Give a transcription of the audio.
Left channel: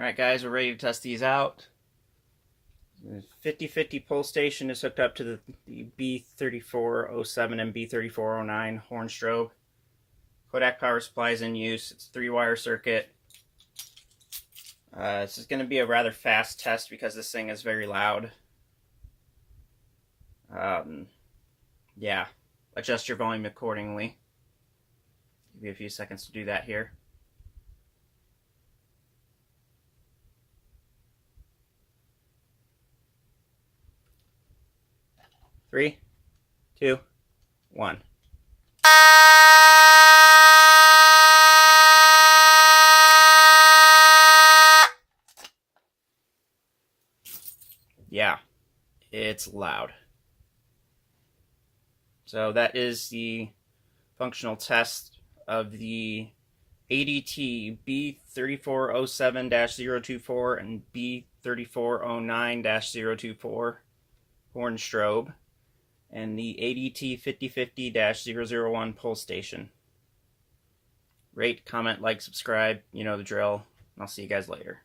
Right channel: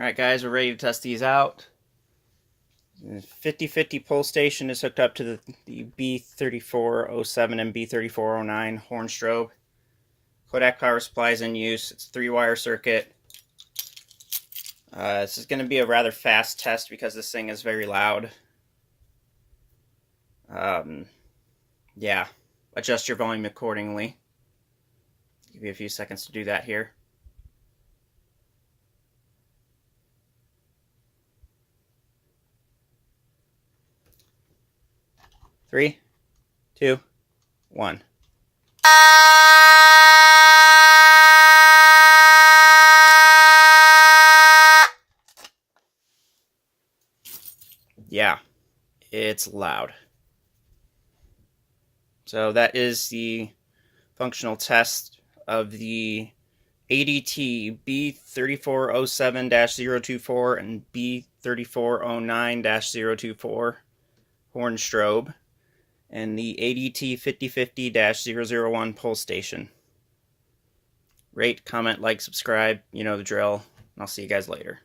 Alright guys, we're ready to test these out. The 50/50 pull station is hooked up to the B3407 and B3409 horn strobe. Kodak power supply is in use. It's a 3-wire circuit. This is going to be a rather fast test because this thing is very loud. Yeah, adjust your volume accordingly. Give you a few seconds to do that here. 3, 2, 1. Yeah, it's loud. So that is the functional test of the ADT B3407-024 and B3409-024 horn strobe and the ADT 5050-001 pull station. Rate, comment, like, subscribe, you know the drill, and I'll see you guys later.